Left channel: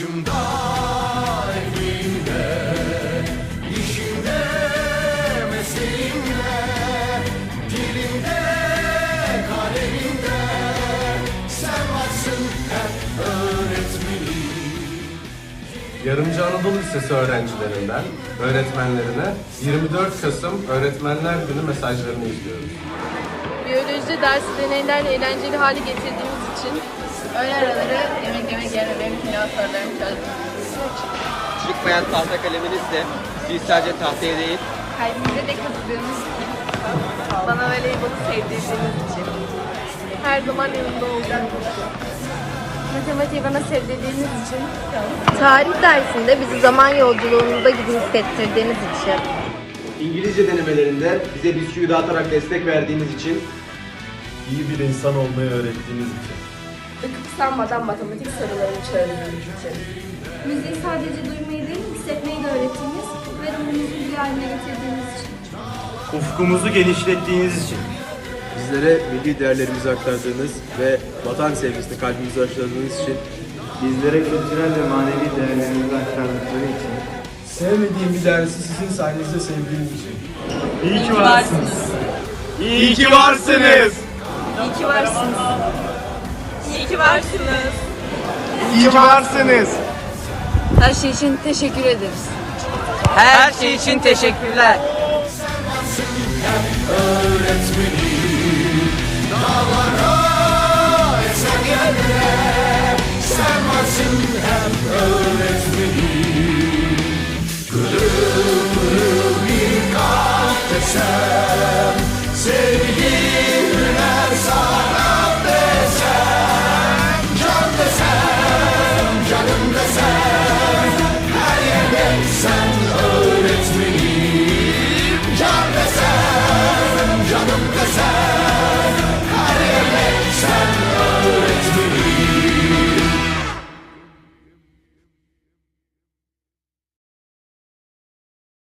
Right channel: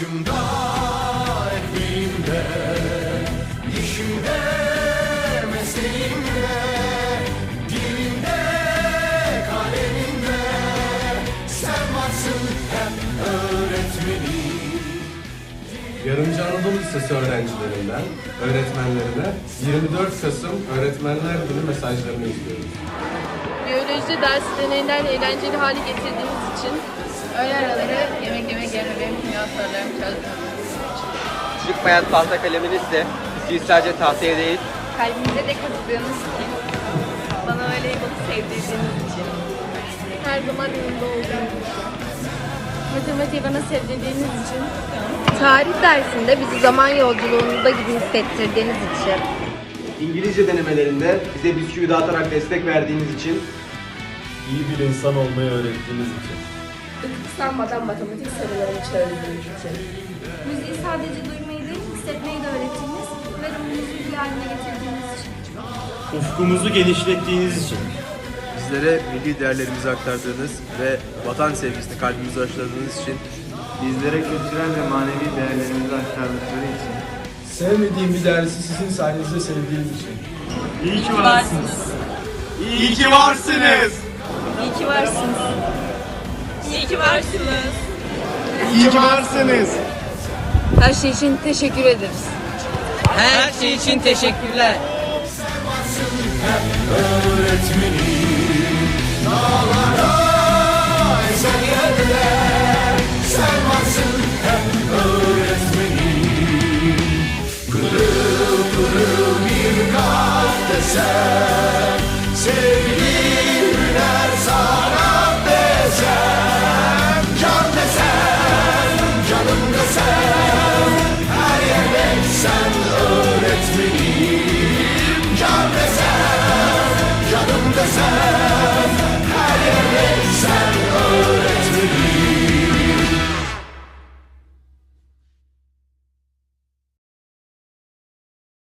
Başımda ekmeğimde İşimde mesleğimde Dilimde kalemimde Sen varsın hep öğretmenim Yarımcı Anadolu Lisesi öğrencilerinden öğretmenlerine 24 Kasım Öğretmenler Günü mesajlarını izliyoruz. Biyoloji dersi deneylerle eğlenceli hale getirdiğimiz için Öğle araları yemek yemek yerine sorularımı çözdüm. Çıkmayan tahta kaleminizle siz sadece tahtaya değil, Kalbimize de kazıdığınız için. Bana voleybolu sevdirdiğiniz için. her zaman yanımda olduğunuz için. Matematiği bana sevdirdiğiniz için. Tarih dersinde bizi zaman yolculuğunda gibi hissettirdiğiniz için. İngilizce denemelerinde bize bisküvi dağıtarak destek verdiğiniz için İyi bir insan olmayı öğrettiğiniz için. Sanmadan matematik sorularını çözdüğünüz için. Müziği sadece duymayı değil, hissetmeyi de öğrettiğiniz ve ruhumuzu bir haline getirdiğiniz için. ufkumuzu genişlettiğiniz için Bizlere milli değerlerimizi aktardığınız ve vatan sevgisini kalbimize aşıladığınız için bizlere kültürel ve manevi değerlerimizi aktardıkları için sevmediğim bir dersi sizin sayenizde sevdiğim için İyi ki varsınız. İyi ki varsınız. İyi ki varsınız. İyi ki varsınız. İyi ki varsınız. Her şey için teşekkür ederiz. her şey için teşekkürler. Hep öğretmenim Dağlar